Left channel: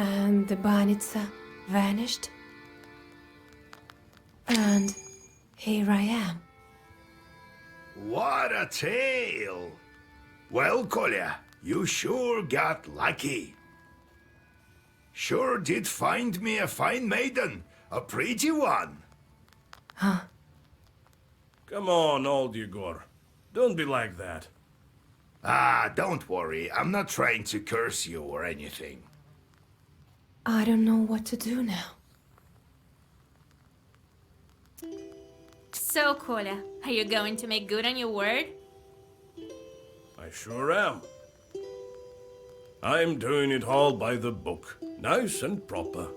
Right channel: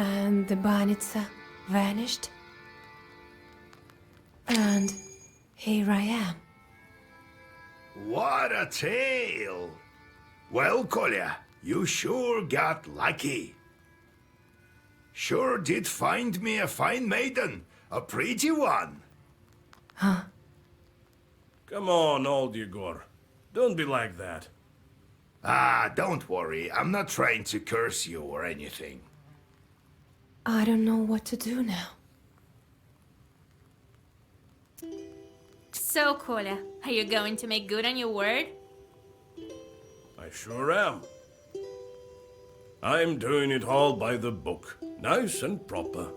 And the banitsa vanished. And here I am. What a tale! Well, Kolya, you sure got lucky. Sure did find me a fine maiden, a pretty one. Huh? Come on, old Yegor. Don't be like that. Ah, don't worry, I'm not trying to curse you or anything. I don't know what to do now. So, Kolya, are you going to make good on your word? I sure am. I'm doing it all by the book, nice and proper.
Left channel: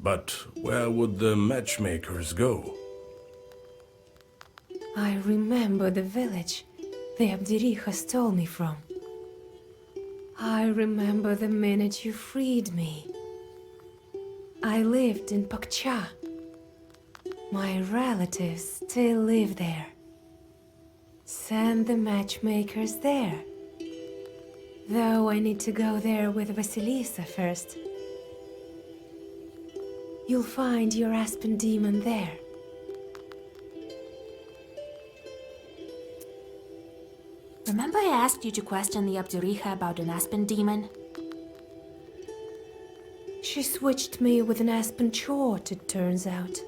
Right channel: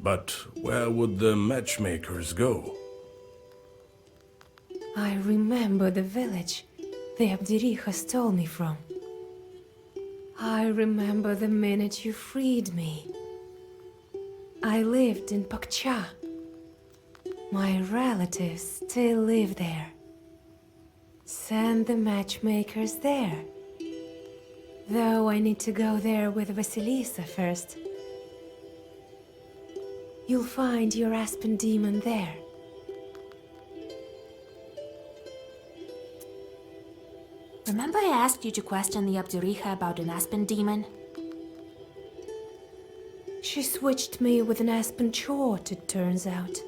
But where would the matchmakers go? I remember the village the Abdericha stole me from. I remember the minute you freed me. I lived in Pakcha. My relatives still live there. Send the matchmakers there. Though I need to go there with Vasilisa first. You'll find your Aspen demon there. Remember I asked you to question the Abdericha about an Aspen demon? She switched me with an Aspen chort, it turns out.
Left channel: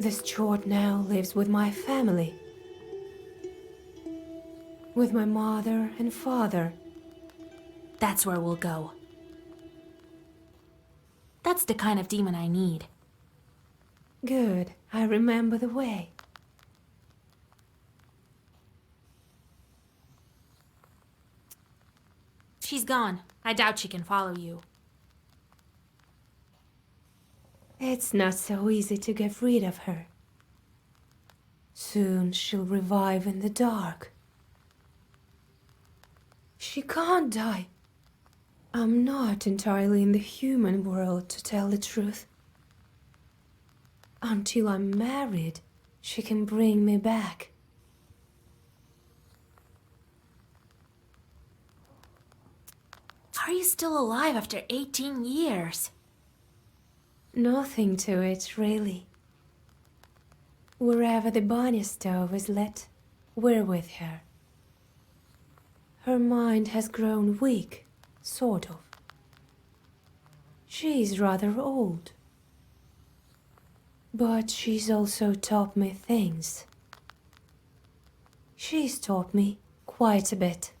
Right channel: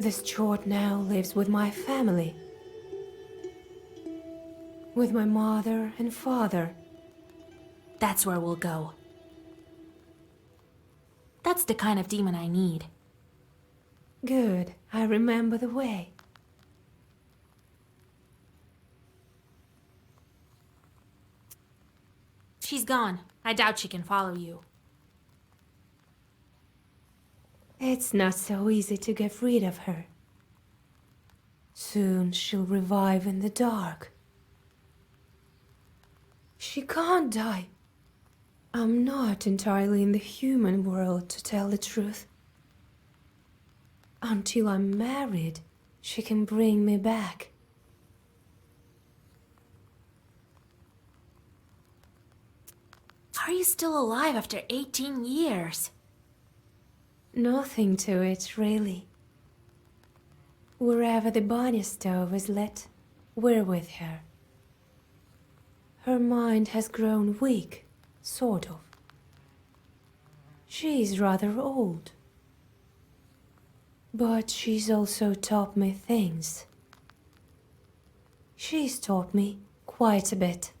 This chort now lives with my family. With my mother and father. That's where we'll go. That's the kind of demon I need. Good, I remember the way. She's gone. I doubt she can follow you. It's not so easy to get rid of her. Soon she'll revive in the dark. She can't die. I'm not entirely in the human world, to tell the truth. Until I'm married, she can bring me back. How are you still alive after 18 years? Nothing to it, really. Wherever the Banya stove is lit, we're with her. Her mind has grown weak, sort of. She's rather old. But she's also taught me things. She's taught me quite a bit.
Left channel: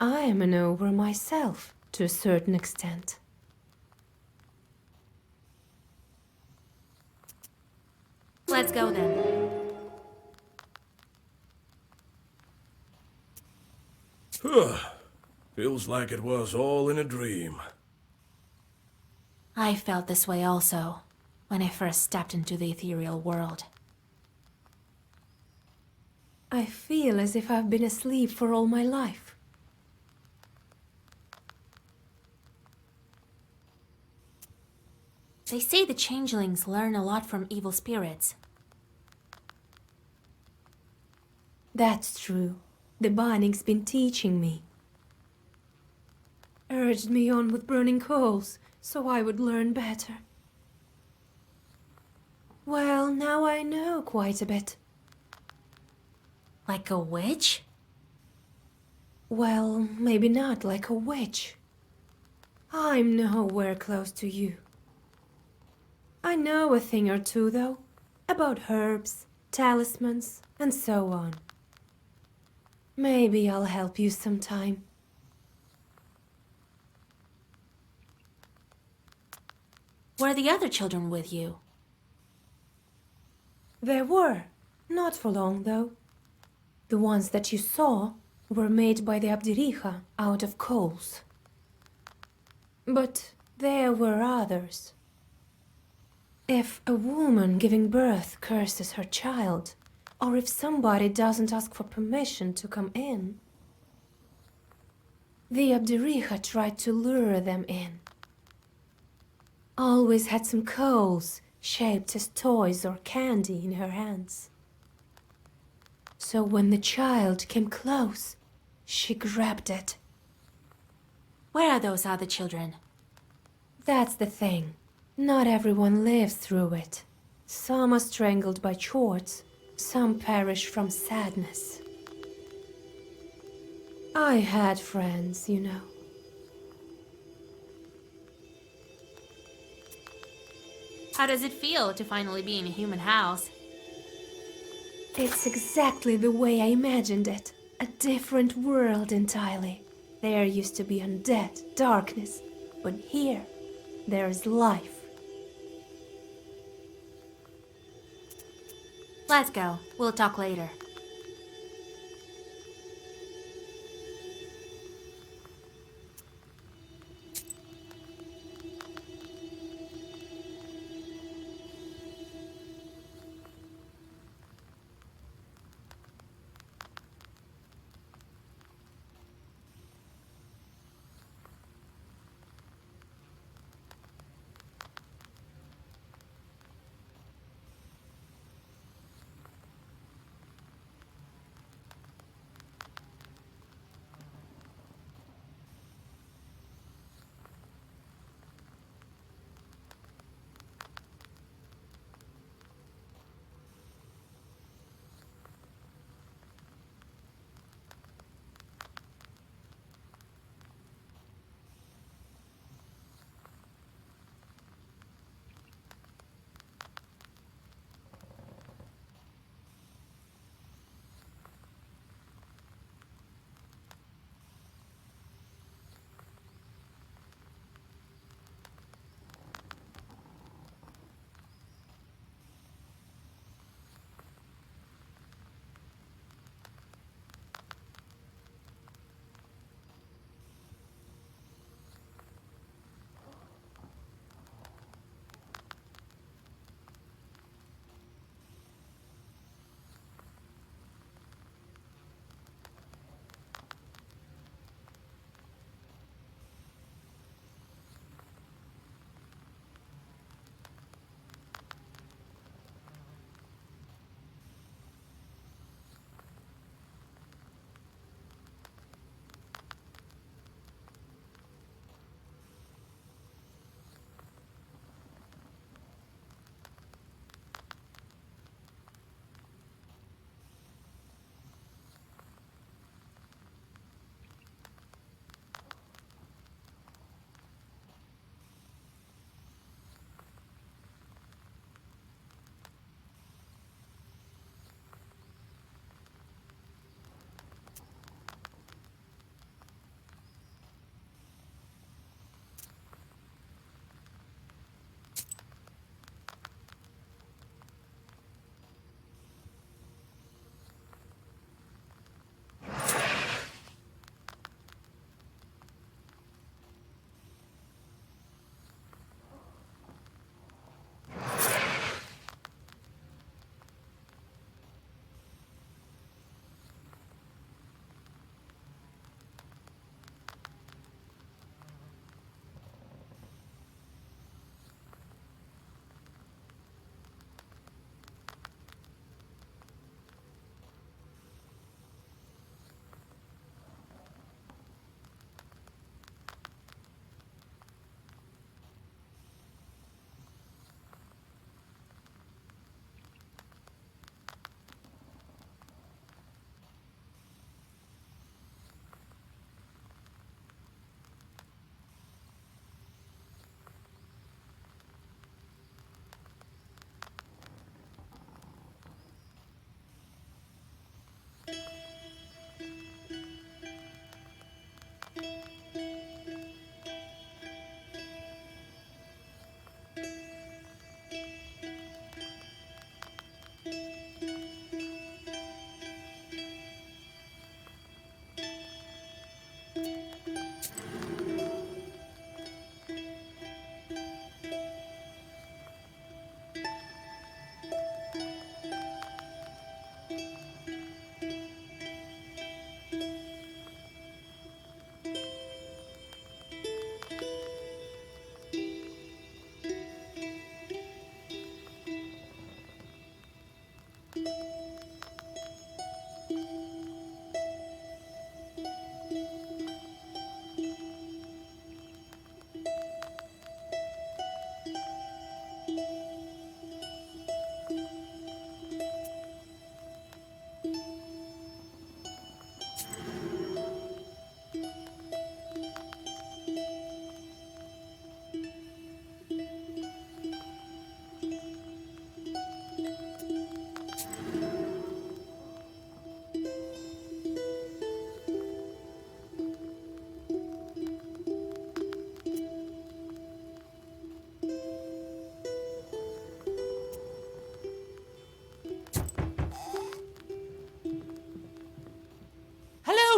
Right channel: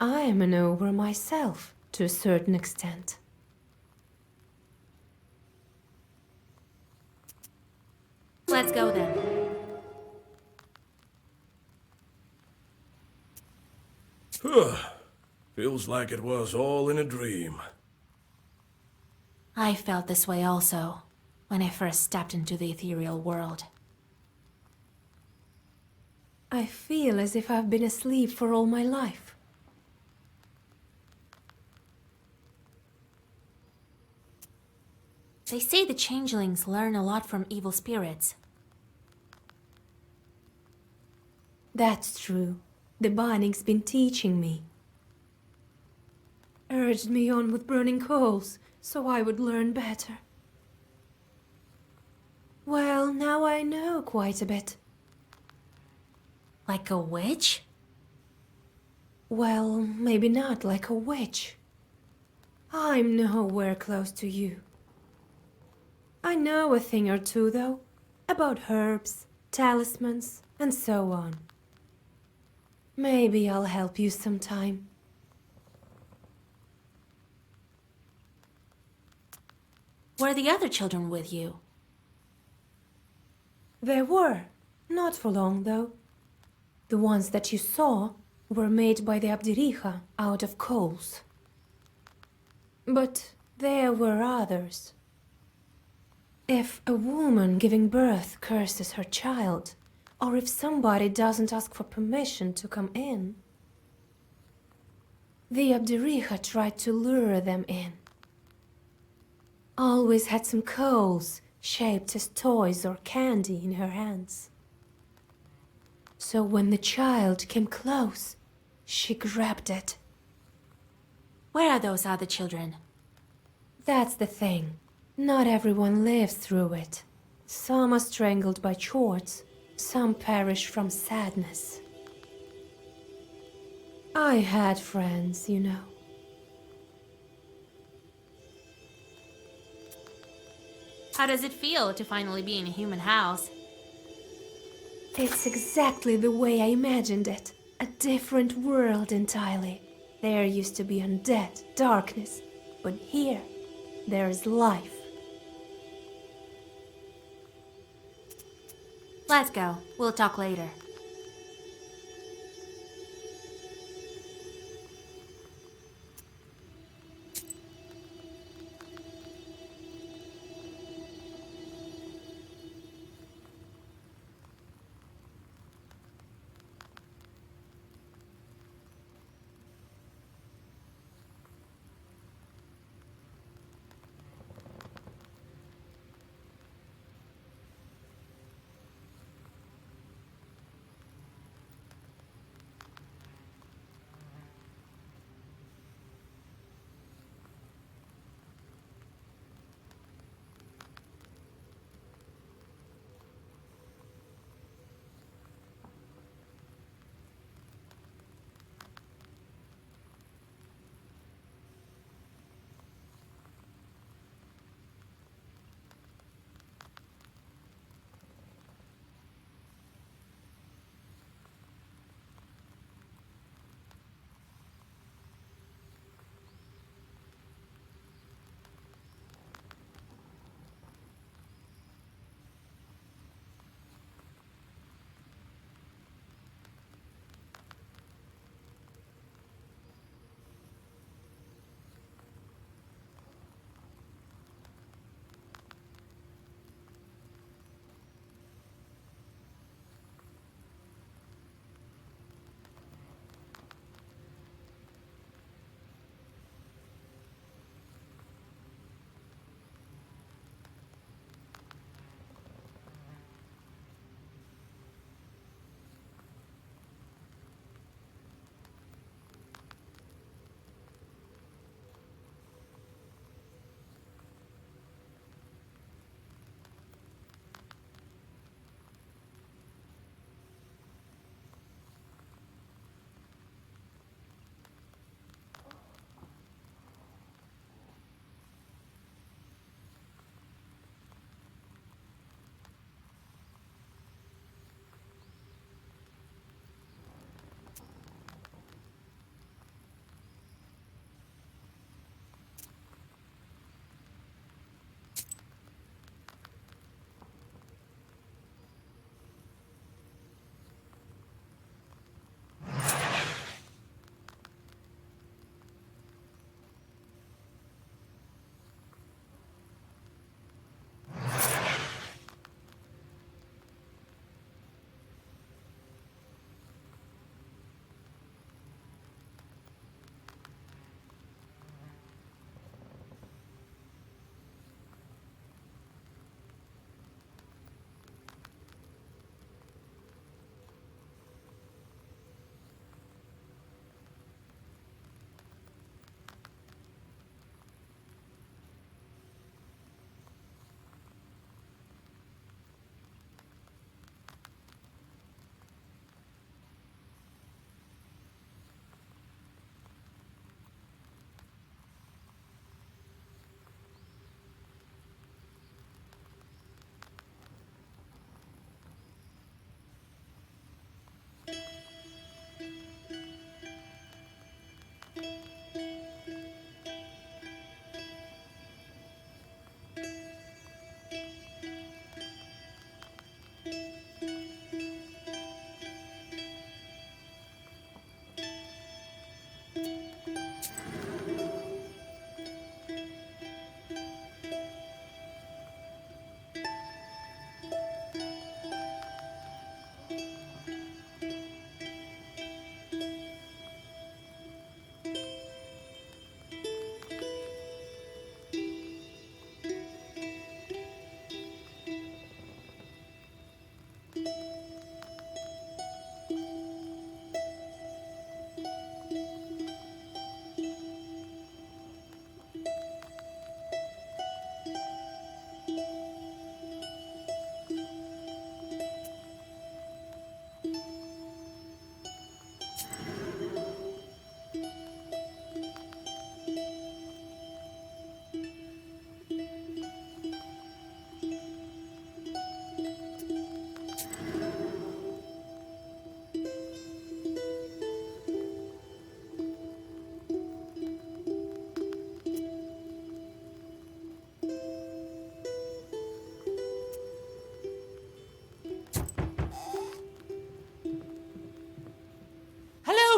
I am an ogre myself, to a certain extent. Let's go then. Feels like it was all in a dream. I felt this way also, when I first stepped into the ethereal world. I feel as if I've been asleep for all my life. They say the changelings learn a lot from evil spirits. That's true. The Banning's been teaching me. Urged me on with burning coals, so I would learn better. Well, now I know quite a bit. Like a witch? Well, maybe not like a witch. I'm nowhere close to you. I know a thing or two, though, about herbs, talismans, and so on. Maybe I'll help you sometime. Were the other children with you? There were. Not for long, though. The ones that you saw were made by the Abdericha out of coals. But there were others. If a woman giving birth curses her child, or if somebody doesn't ask for permission to come in, the Abdericha tried to lure them in. Always had some coals shaped as toys or candy in her hands. So when the child came close, she grabbed it. Where are those other children? That's the thing. Not everyone lives through it. Some are strangled by chords, some perish from sadness. I had friends, you know. How does it feel to finally be in a human house? It's exactly the way I imagined it. A different world entirely. There used to be undead, darkness, but here, there's life. Let's go. We'll talk later.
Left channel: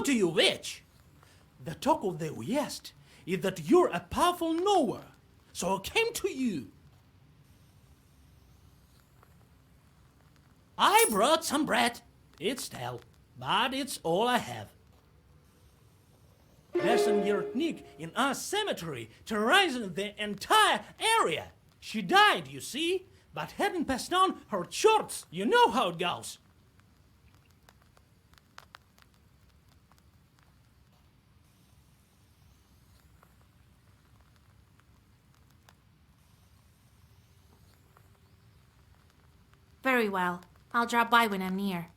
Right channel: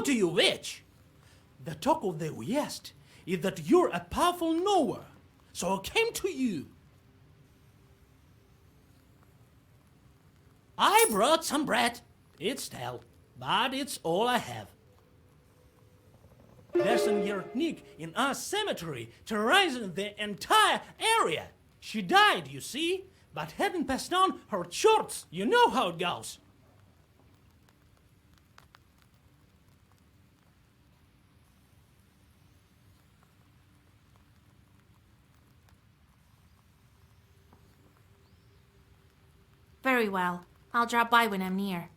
How do you witch? The talk of the West is that you're a powerful knower, so I came to you. I brought some bread. It's stale, but it's all I have. There's an Yertnik in our cemetery terrorizing the entire area. She died, you see, but hadn't passed on her shorts. You know how it goes. Very well. I'll drop by when I'm near.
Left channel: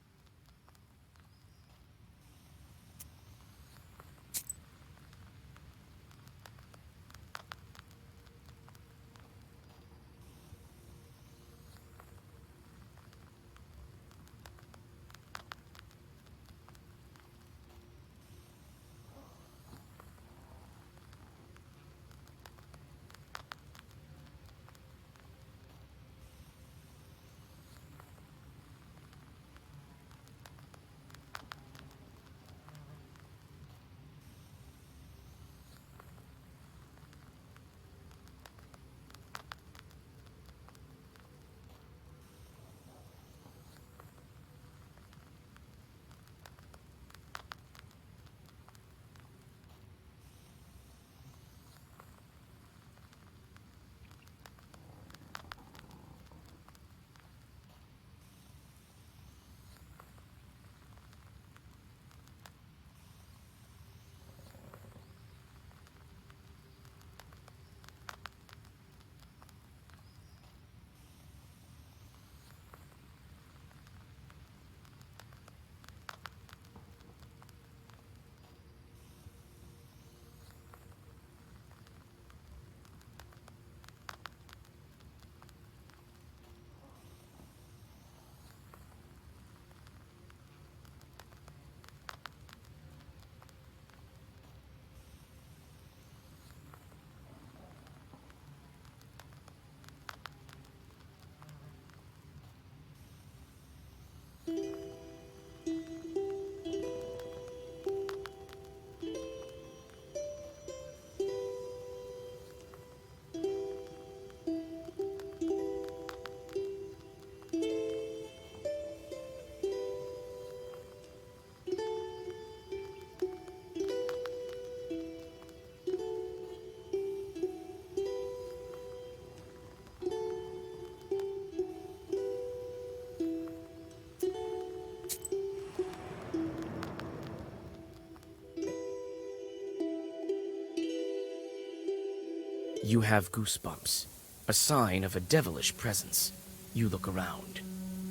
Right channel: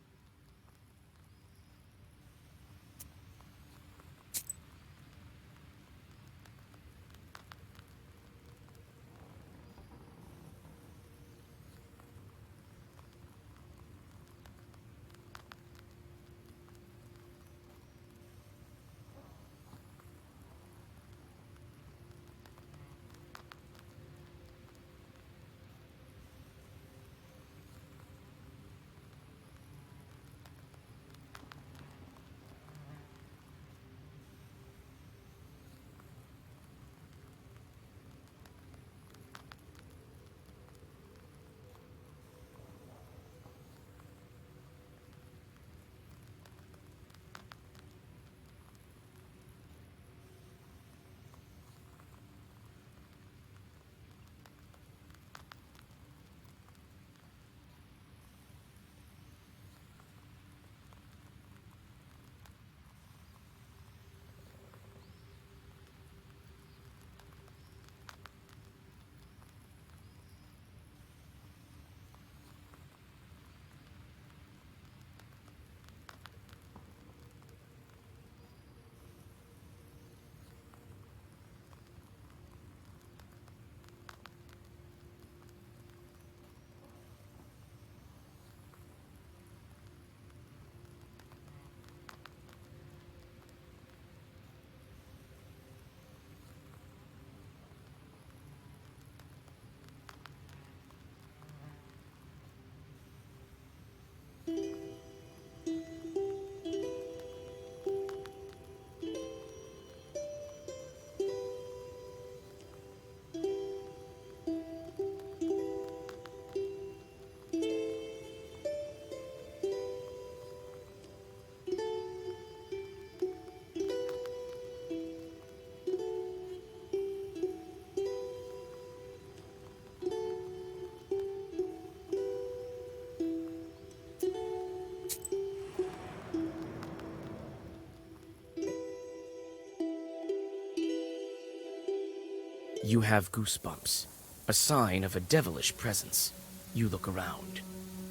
You have goosebumps, a sign of a devilish presence. You look around.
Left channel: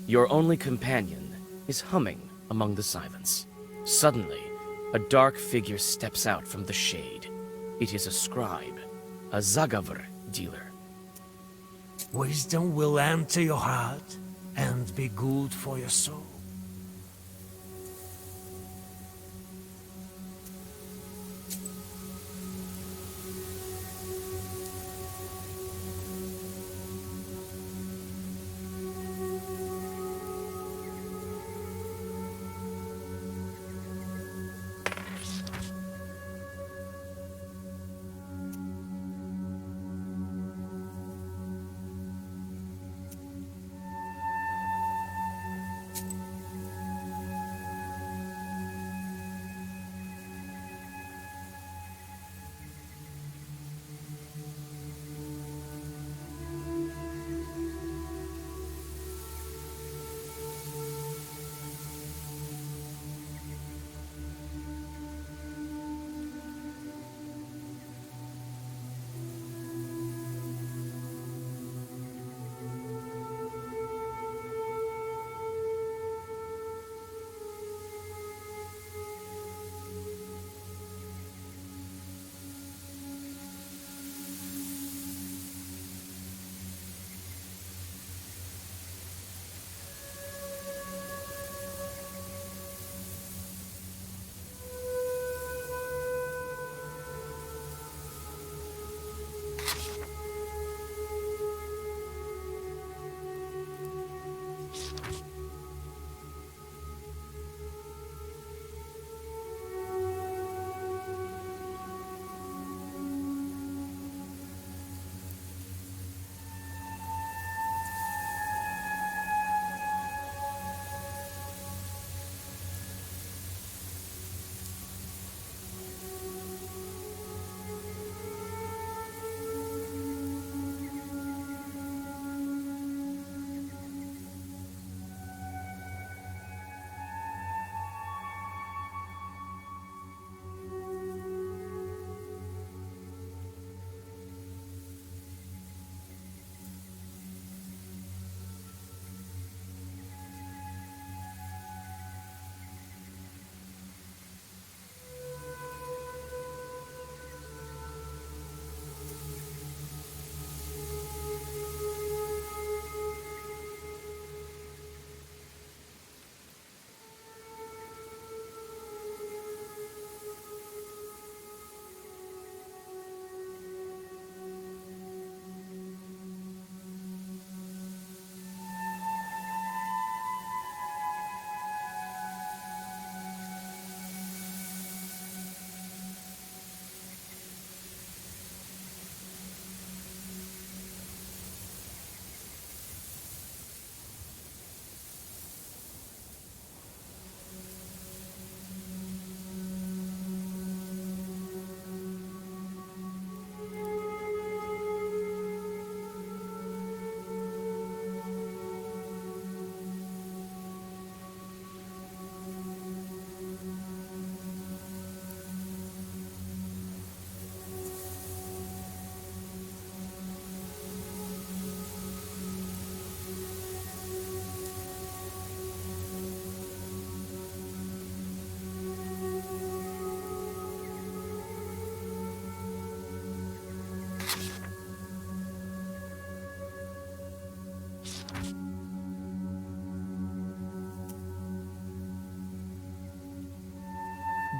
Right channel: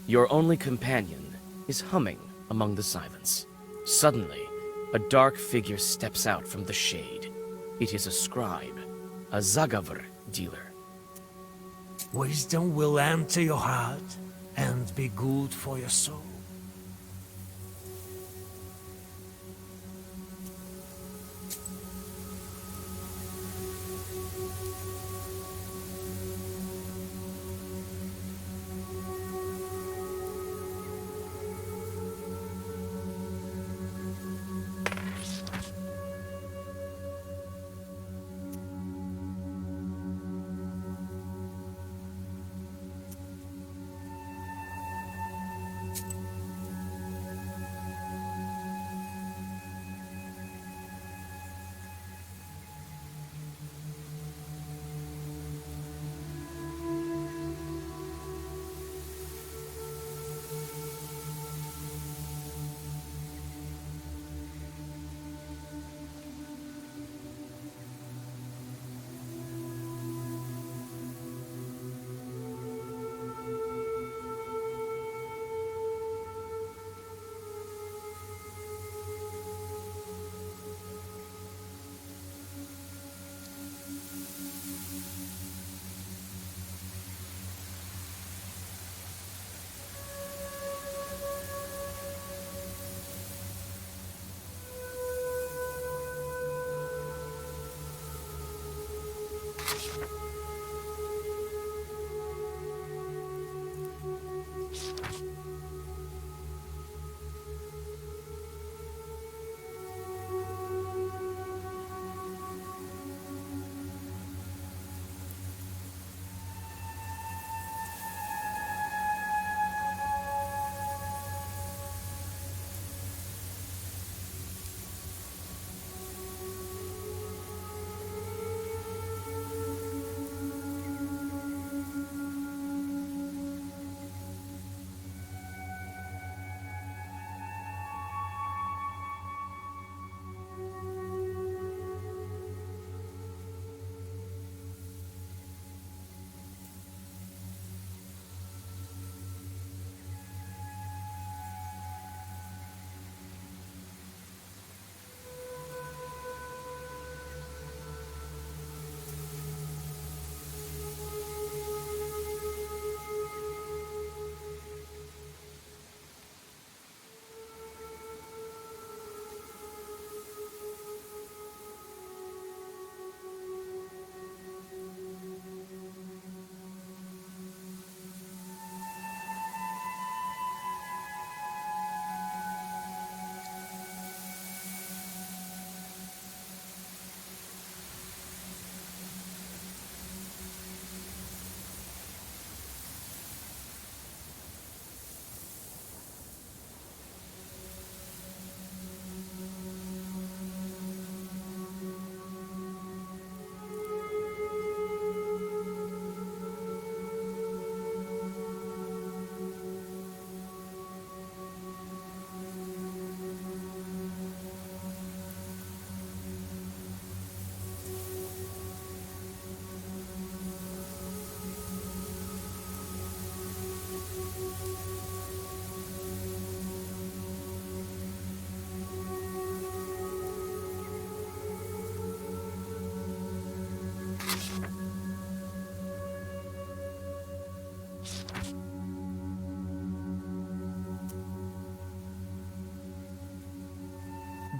Your only companion is humming among the silence. Suddenly, a dark figure steps out from the shade. It is a scribe, a Zagavr dealer. Wisdom will enter your heart and be good for your soul.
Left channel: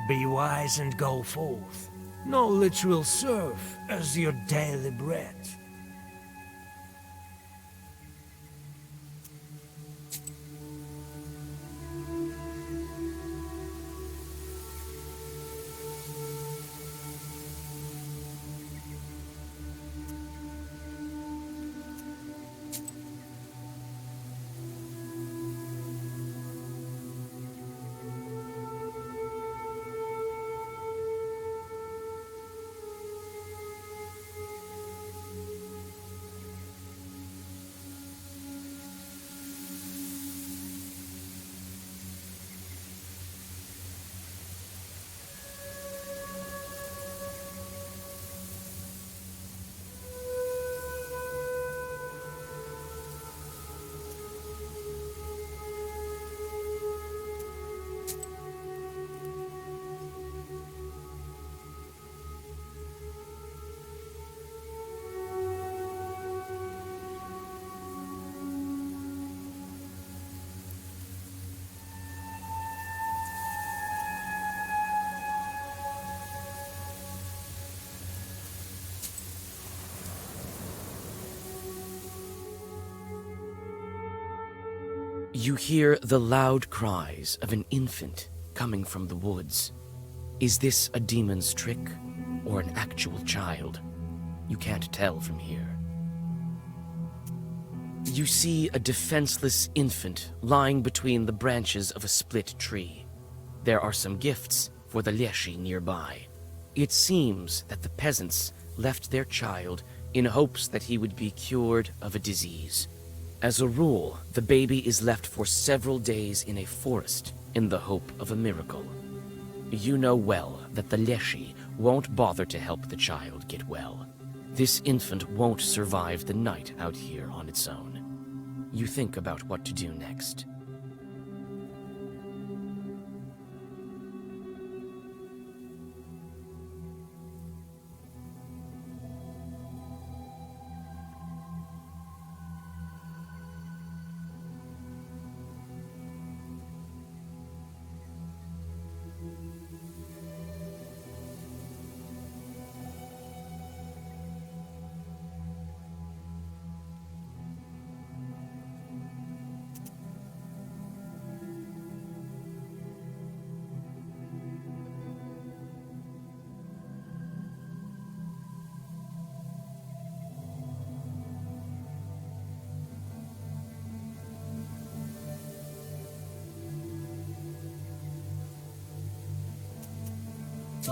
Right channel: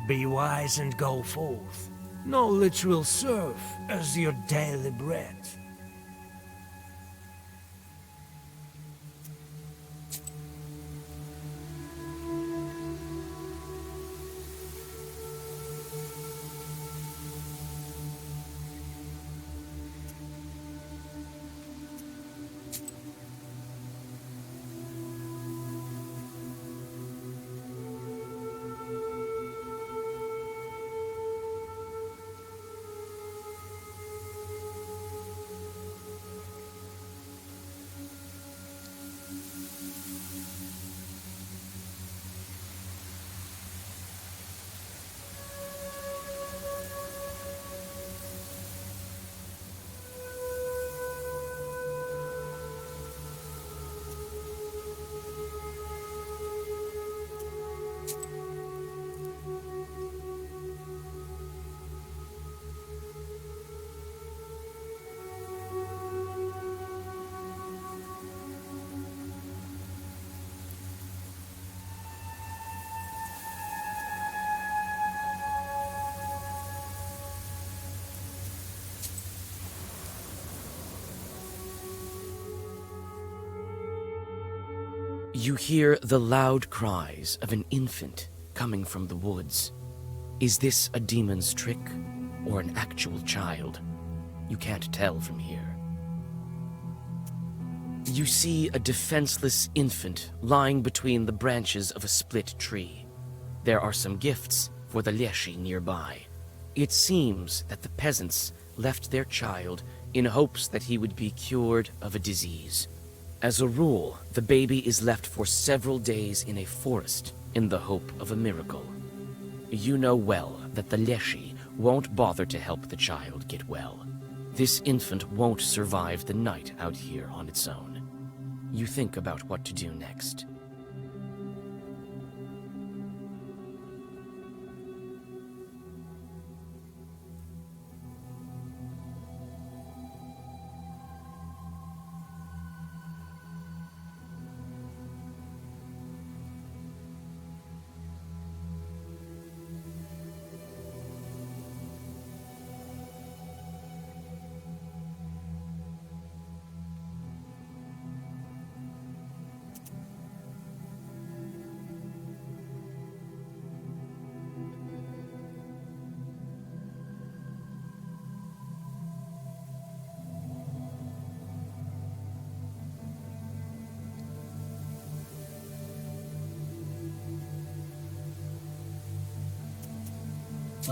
Be wise and go forth. Knowledge will serve as your daily bread. You hear the loud cries of an infant coming from the woods. Is this a demon's trick or an actual child? You can't tell from here. You see a defenseless infant lying between the branches of a split tree. There are some gifts for the Leshy nearby. It seems that the peasants left their child in hopes that he would be cured of a disease. As a rule, the baby is left for several days in a forest in the hope of a miracle. You know well that the Leshy won't bother to help the child get well. This infant won't survive the night out here on its own. You think about what to do next.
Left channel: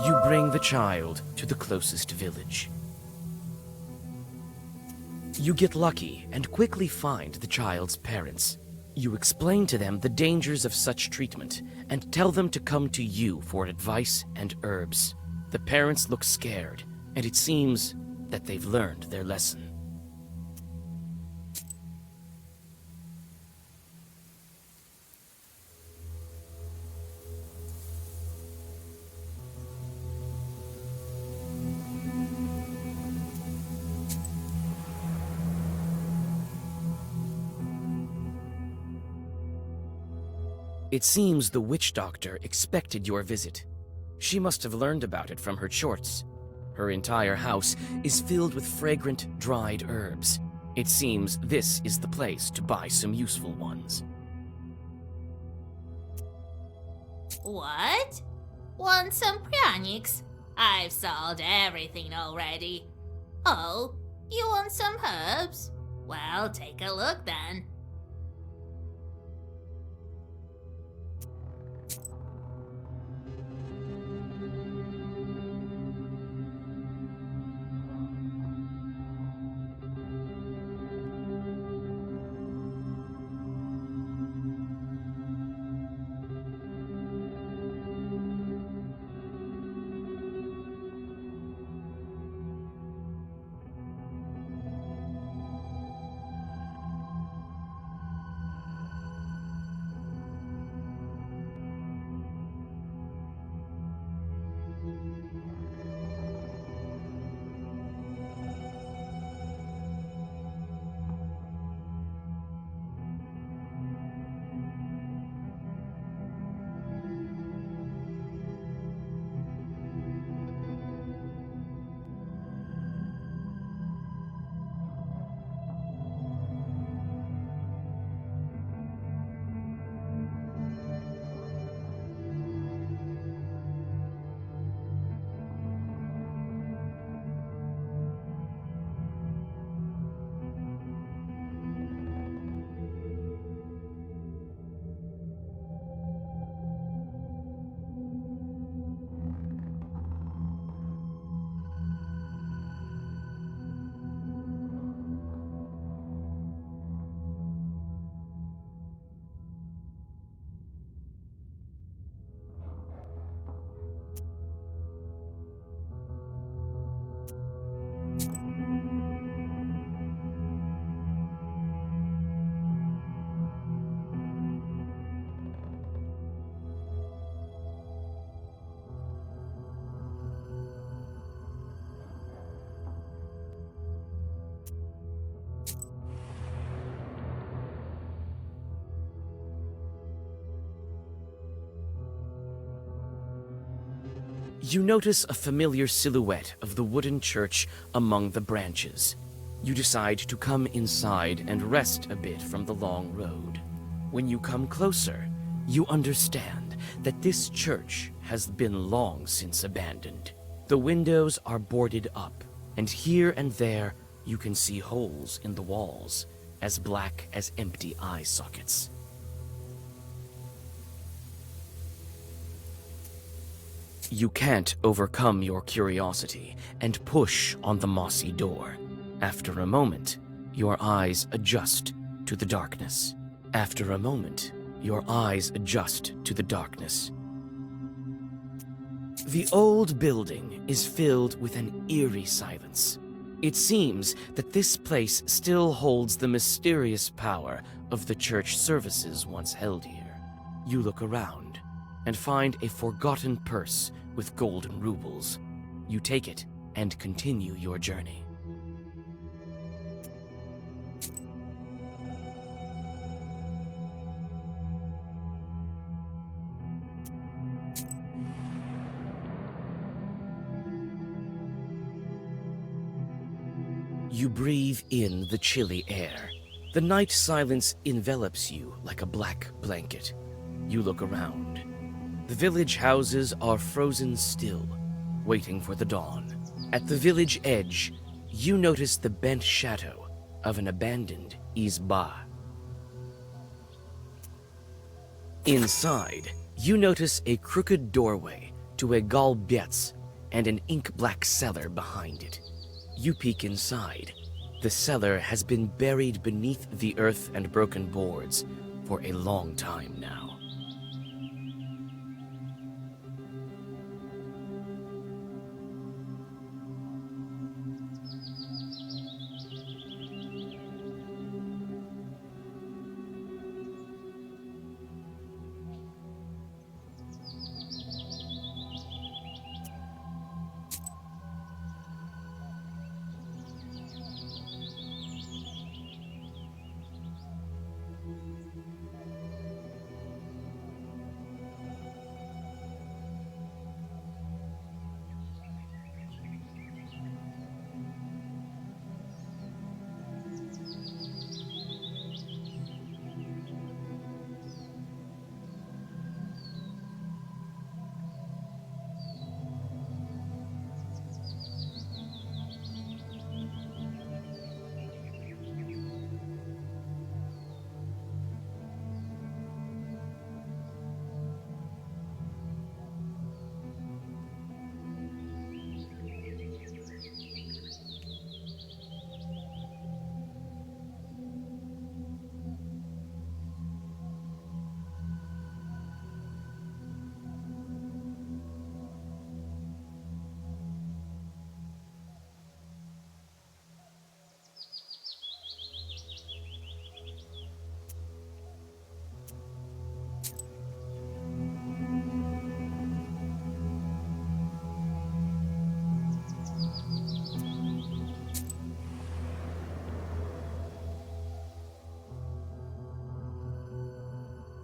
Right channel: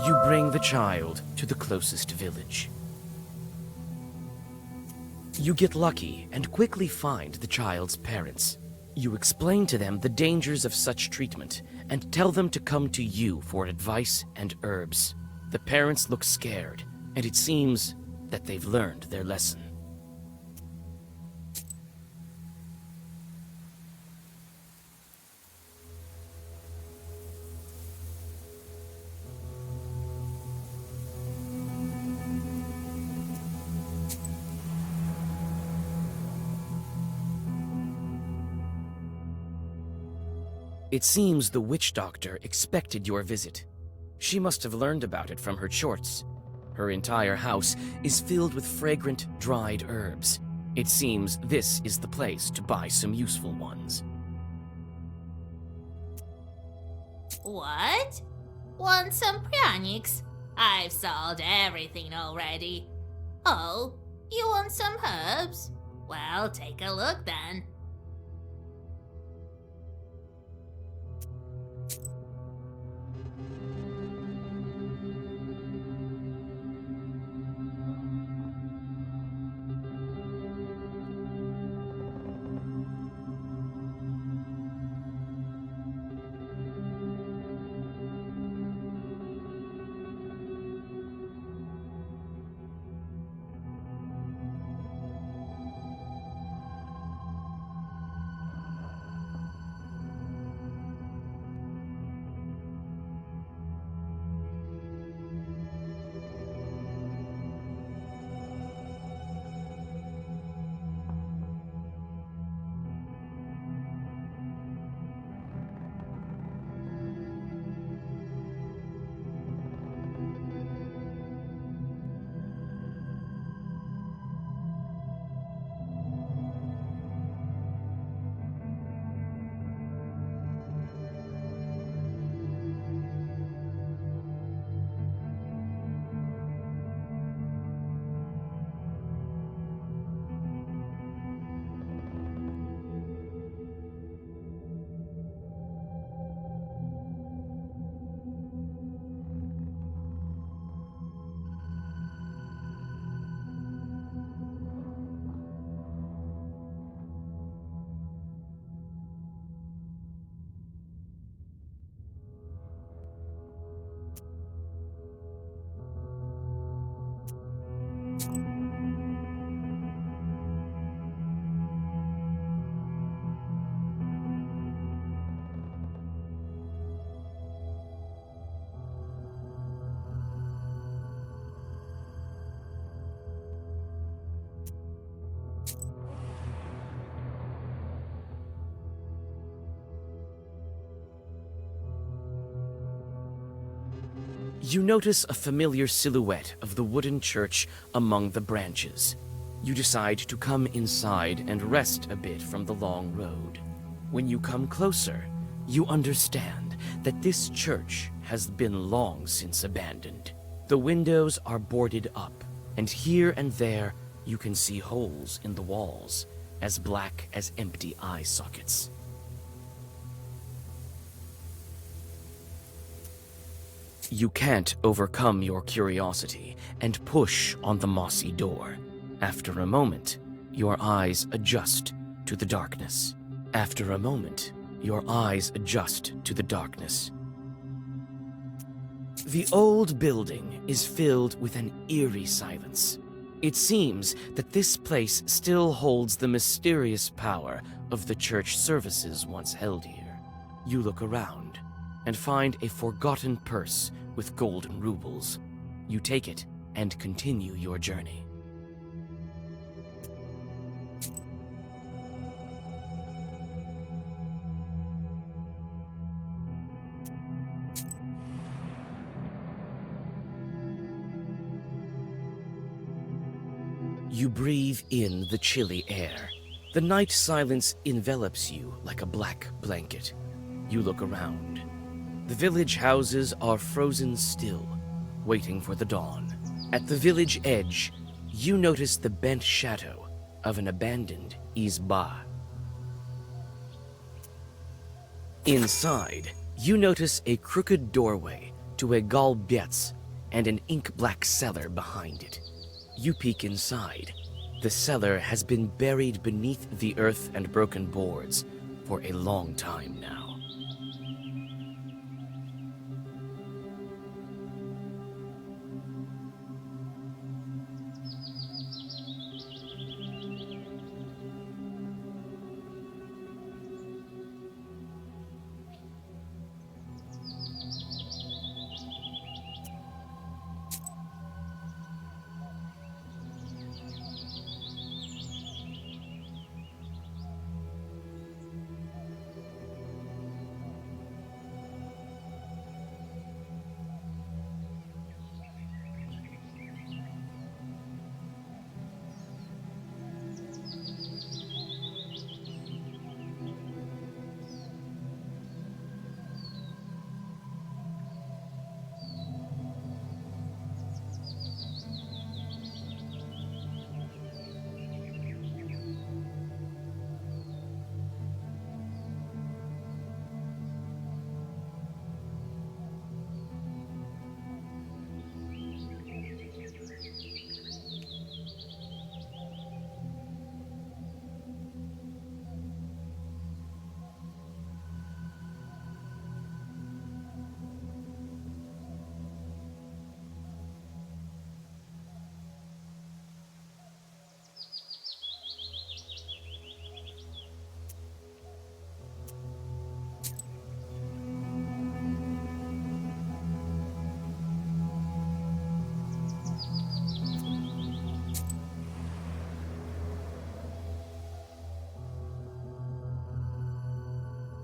You bring the child to the closest village. You get lucky and quickly find the child's parents. You explain to them the dangers of such treatment and tell them to come to you for advice and herbs. The parents look scared, and it seems that they've learned their lesson. It seems the witch doctor expected your visit. She must have learned about it from her chorts. Her entire house is filled with fragrant, dried herbs. It seems this is the place to buy some useful ones. What? Want some pranics? I've sold everything already. Oh, you want some herbs? Well, take a look then. You notice a familiar silhouette of the wooden church among the branches. You decide to come inside and rest a bit from the long road. When you come closer, you understand that this church has been long since abandoned. The windows are boarded up, and here and there you can see holes in the walls, as black as empty eye sockets. You can't overcome your curiosity and push on the mossy door. After a moment, your eyes adjust to the darkness. After a moment, your eyes adjust to the darkness. The old building is filled with an eerie silence. It seems that this place still holds the mysterious power of the church services once held here. You look around and find a forgotten purse with golden rubles. You take it and continue your journey. You breathe in the chilly air. The night silence envelops you like a black blanket. You look around. The village houses are frozen still, waiting for the dawn. At the village edge, you notice the bent shadow of an abandoned izba. Inside, you notice a crooked doorway to a galbietz and an ink-black cellar behind it. You peek inside. The cellar has been buried beneath the earth and broken boards for a long time now.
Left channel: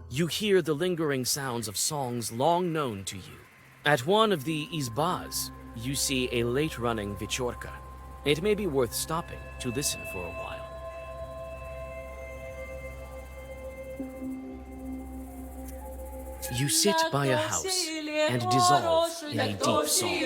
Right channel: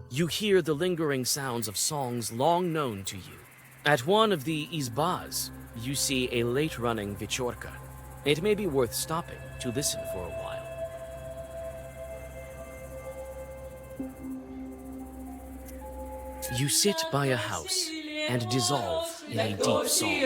You hear the lingering sounds of songs long known to you. At one of the izbas, you see a late-running vichorka. It may be worth stopping to listen for a while. You sit by a house and dissolve in a deep song.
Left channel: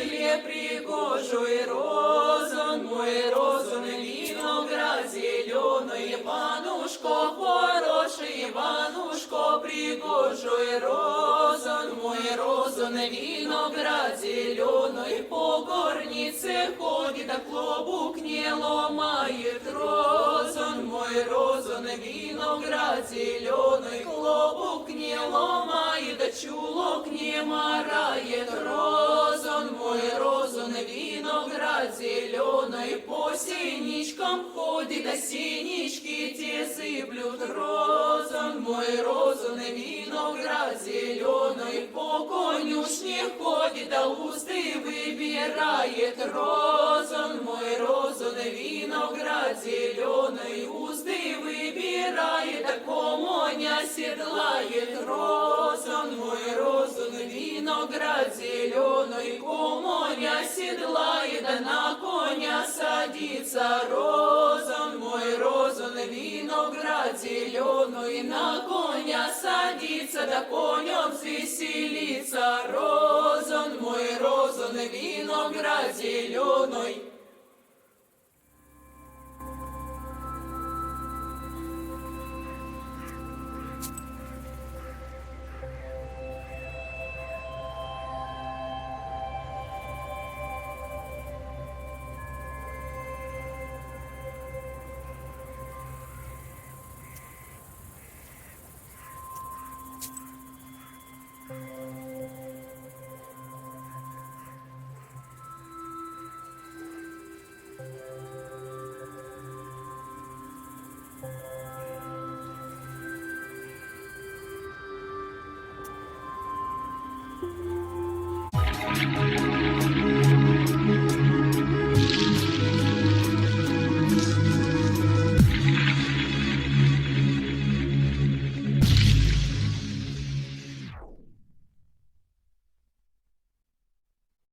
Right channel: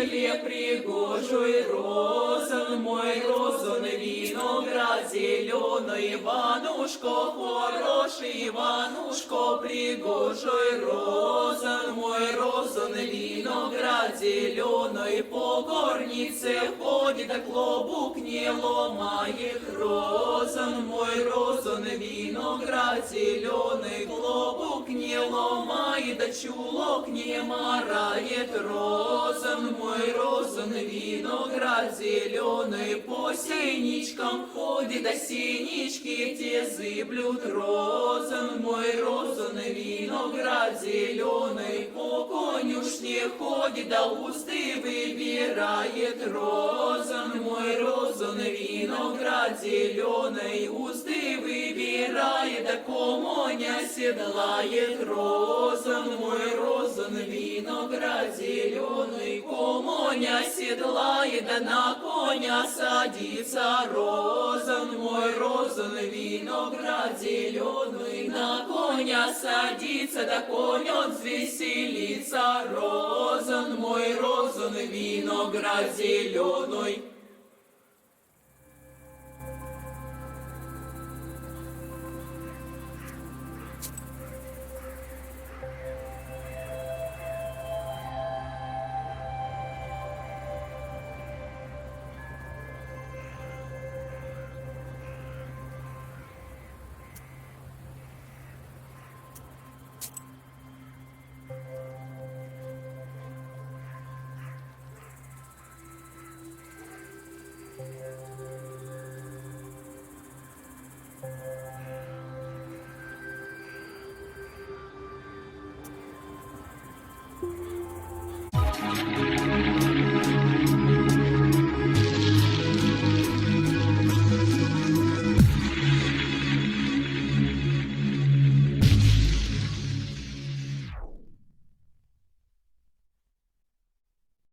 Иванушко, хороший Иванушко, пригожий розан, мой розан, виноград зеленый, по горнице ходит, а клобук не ломает. Розан, мой розан, виноград зеленый, клобук не ломает, а чулок не марает. Розан, мой розан, виноград зеленый, по синичкам ходит, а синички те зыблют. Розан, мой розан, виноград зеленый, по конюшне ходит, да усты выбирает. Розан, мой розан, виноград зеленый, усты выбирает. умирает, да коня седлает. Розан мой, розан, виноград зеленый, коня седлает, да на коня садится. Розан мой, розан, виноград зеленый, на коня садится, да конем взвеселится. Розан мой, розан, виноград зеленый.